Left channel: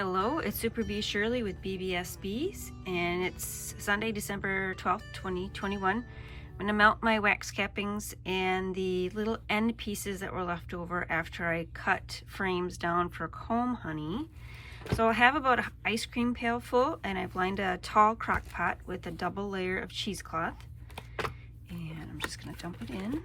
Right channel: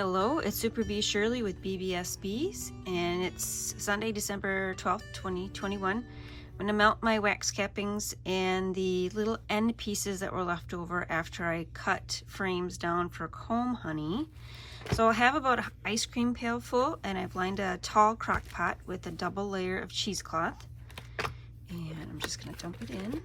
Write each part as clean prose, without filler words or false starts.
Hello, it's Super Bee Shirley with BBS Bees, and it's Sunday, December 12th, 2021. I'm going to melt my wax cappings and the little end pieces that were left over after I cut frames down for comb honey. So I have about an ice cream pail full, and I've lined a tall crock pot with a double layer of cheesecloth. And I'm just going to dump it in.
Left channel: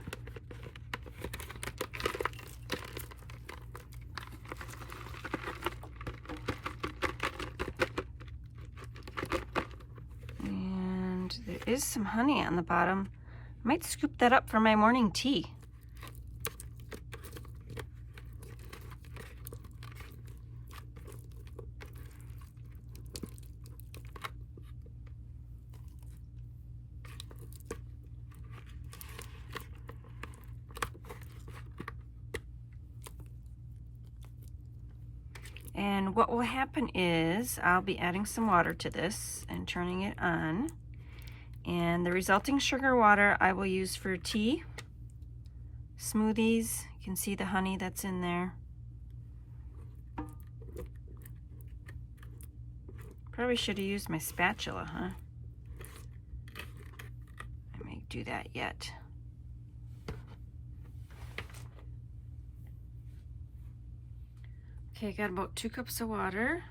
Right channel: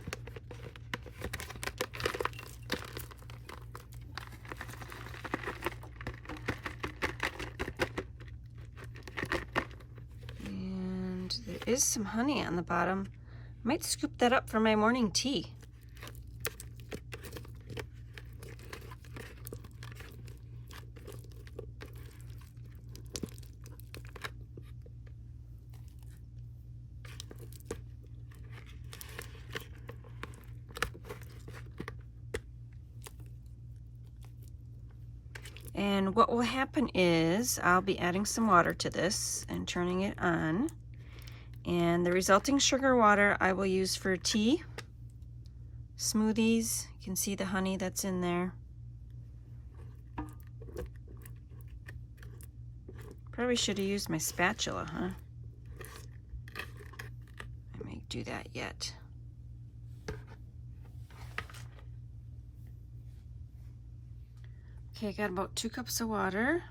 There is some honey on the bottom. I might scoop that up for my morning tea. And what will happen is I'll be adding some water to this and turning it on. And the resulting sugar water I will use for tea, smoothies. You can see the honey that's in there. Probably should have used my spatula, huh? I may do that yet. Okay, I got about 2 cups of water.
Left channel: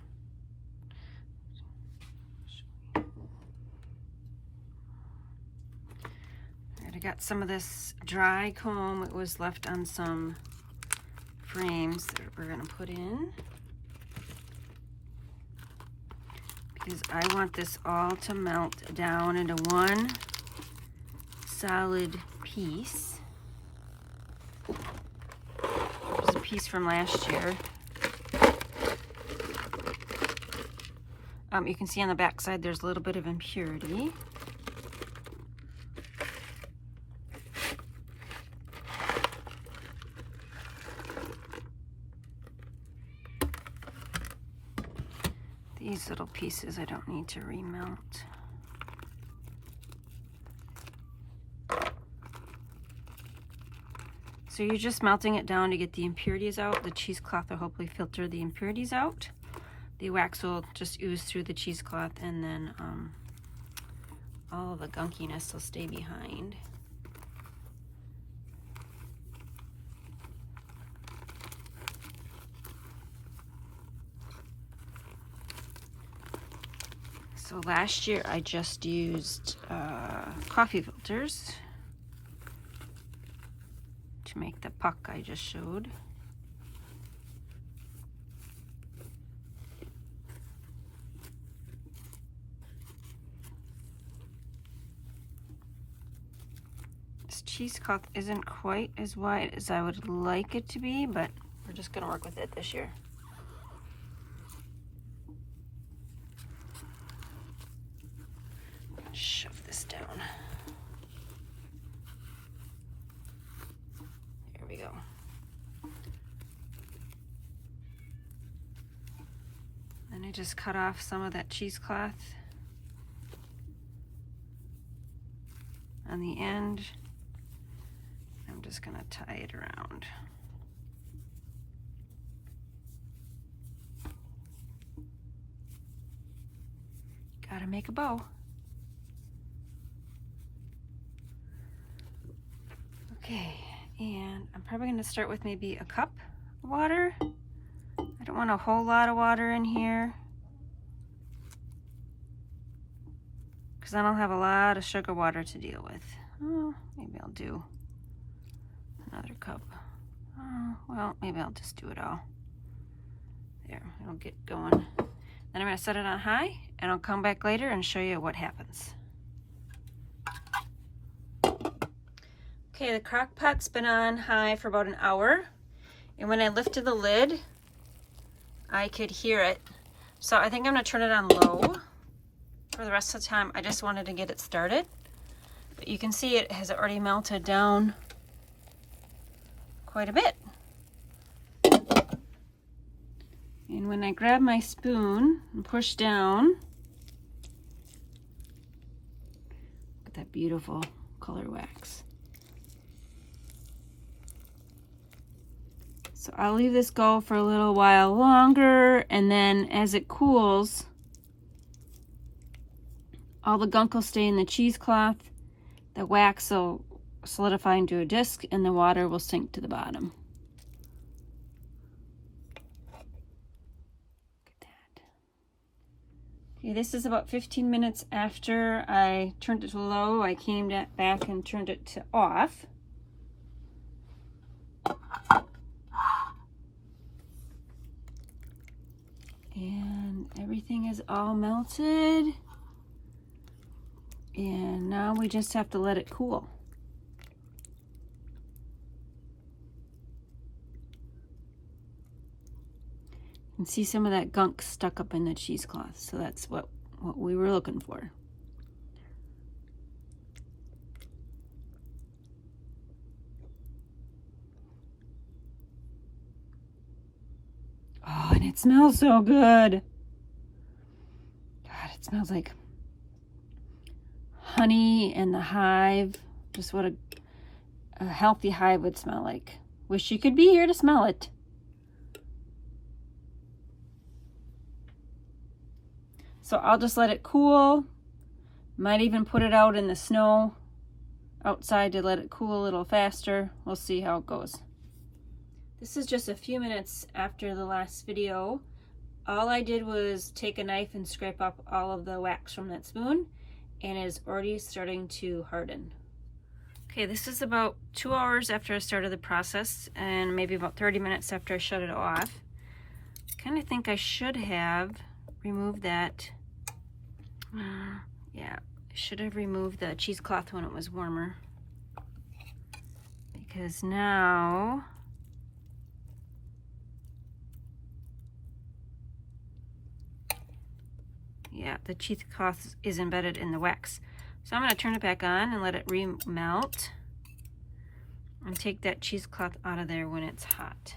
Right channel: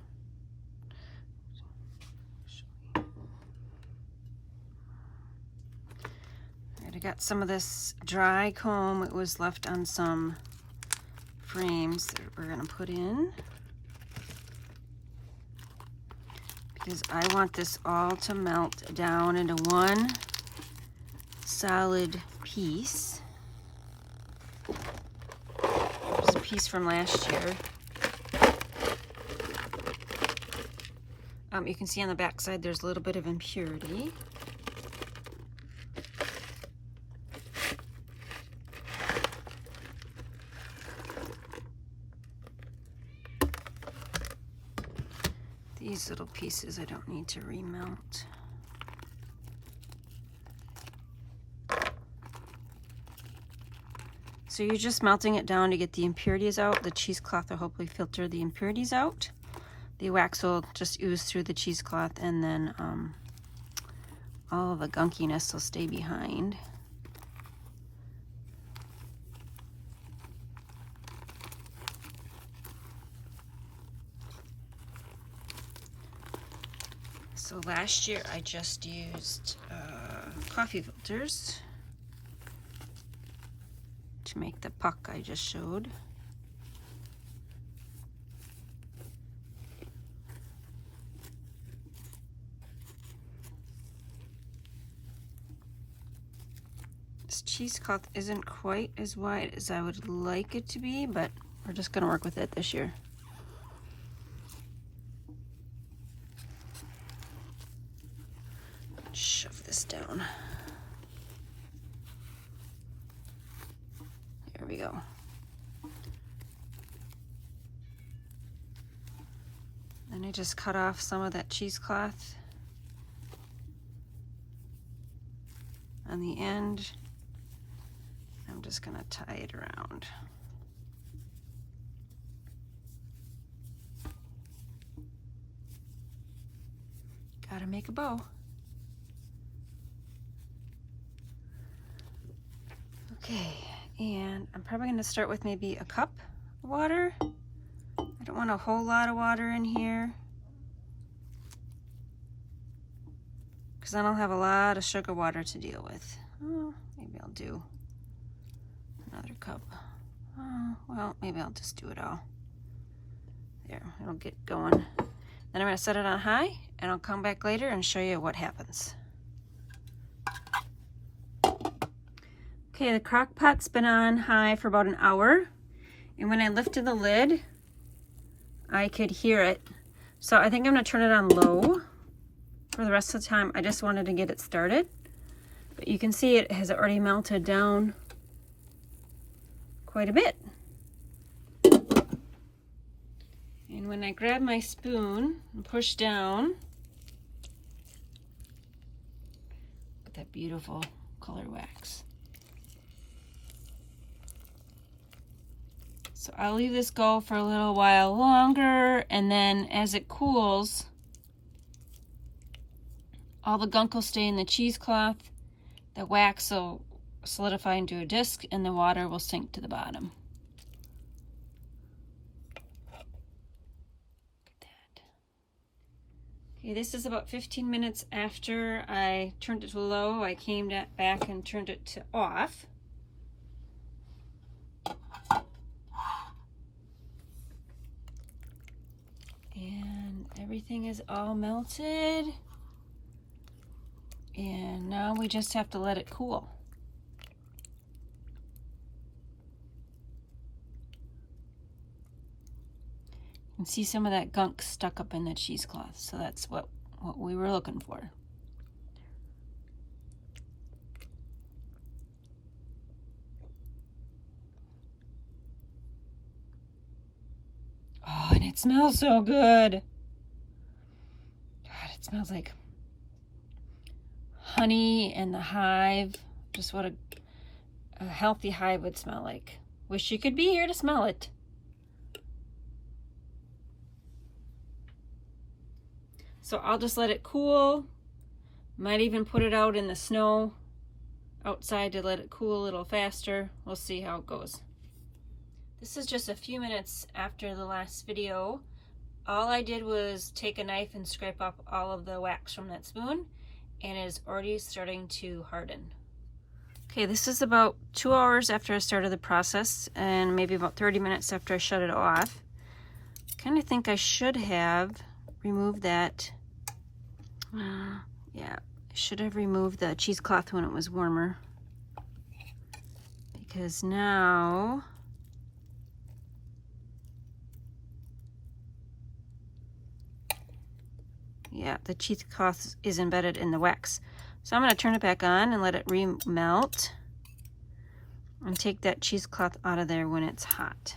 I got some of this dry comb. It was left on some frames that we're gonna put in, because I want this all to melt down into one solid piece. There's a piece from last year. You can see on the back side there's a little bit of impurity. These little pieces I don't need to remelt. So you're just melting it down to get the impurities out. The cheesecloth will hopefully filter the impurities out. The wax will just ooze through the cheesecloth, and then all of the gunkiness will stay behind. So last year I just used coffee filters to make the puck I just showed. This cheesecloth isn't quite as wide as I would like it to be, but we're just gonna work with it this year. Shove this down. There we go. And I just cut off some of that cheesecloth on the end. I'm just gonna tie it around. Gotta make a bow. Okay, and I'm probably going to start with maybe a cup of water. I don't want a whole lot of water in here, because then I'll have a lot of sugar water to deal with. Oh, maybe I'll do another cup. Oh, well, maybe I'll just do it all. There, it'll get going. Then I'm going to set it on high, and I'll come back later and show you what happens. Okay, the crock pot's been on high for about an hour, and when I lifted the lid, I could hear it. So I think I'm gonna turn it on low for the rest of the time. I just wanted to get it started. But you can see it has already melted down quite a bit. And when I grab my spoon and push down, look at that beautiful color wax. So I'll leave this go for a little while longer, and then as it cools, all the gunk will stay in the cheesecloth, the wax will solidify into a disc, and the water will sink to the bottom. Okay, this is about 15 minutes after I turned it to low. I came back and turned it to off. And everything is all melted. And now we just have to let it cool. You can see some of that gunk stuck up in the cheesecloth, so that's what we were looking for. Oh, and it smells so good. God, it smells like honey and the hive. Just what a healthy hive would smell like. Wish you could be here to smell it. So I'll just let it cool. Might even put it out in the snow outside to let it cool a little faster. We'll see how it goes. This is just a few minutes after the last video. All I did was take a knife and scrape up all of the wax from that spoon, and it is already starting to harden. Okay, this is about 2 hours after I started the process, and maybe about 30 minutes after I shut it off. I kind of think I should have removed that. Yeah, I should have removed the cheesecloth when it was warmer, because now yeah, the cheesecloth is embedded in the wax. So I'm going to turn it back on and let it re-melt and take that cheesecloth out of there when it's hot,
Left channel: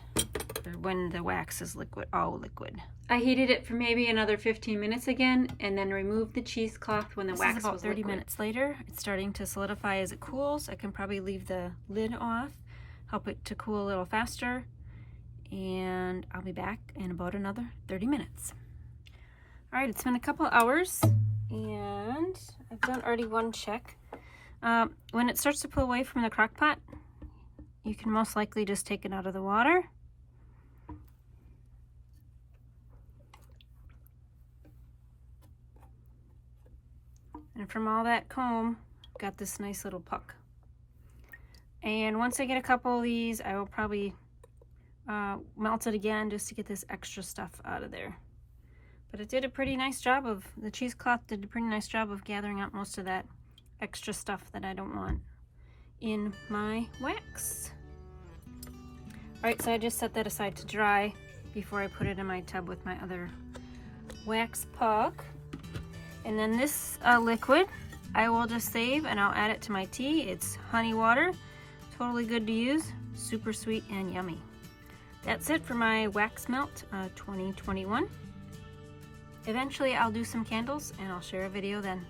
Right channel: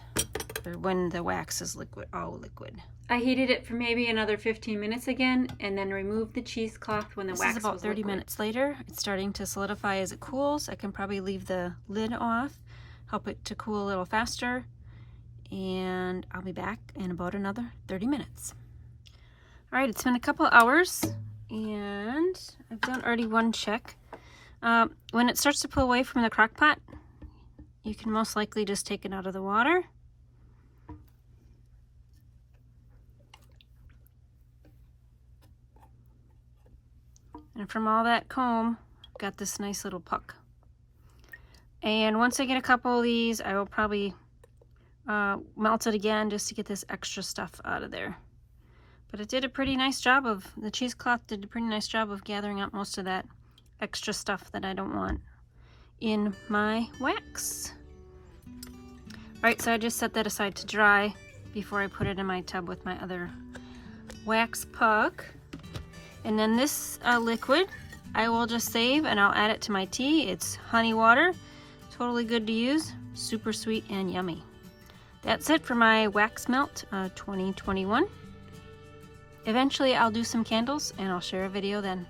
or when the wax is liquid, all liquid. I heated it for maybe another 15 minutes again, and then removed the cheesecloth when the wax was liquid. About 30 minutes later. It's starting to solidify as it cools. I can probably leave the lid off, help it to cool a little faster, and I'll be back in about another 30 minutes. All right, it's been a couple hours, and I've done already one check. When it starts to pull away from the crock pot, you can most likely just take it out of the water. And from all that comb, got this nice little puck. And once I get a couple of these, I will probably melt it again just to get this extra stuff out of there. But it did a pretty nice job of, the cheesecloth did a pretty nice job of gathering up most of that extra stuff that I don't want in my wax. Right, so I just set that aside to dry before I put it in my tub with my other wax puck. And then this liquid I will just save, and I'll add it to my tea. It's honey water, totally good to use, super sweet and yummy. That's it for my wax melt 2021. Eventually I'll do some candles and I'll share a video then.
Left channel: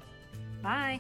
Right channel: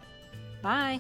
Bye!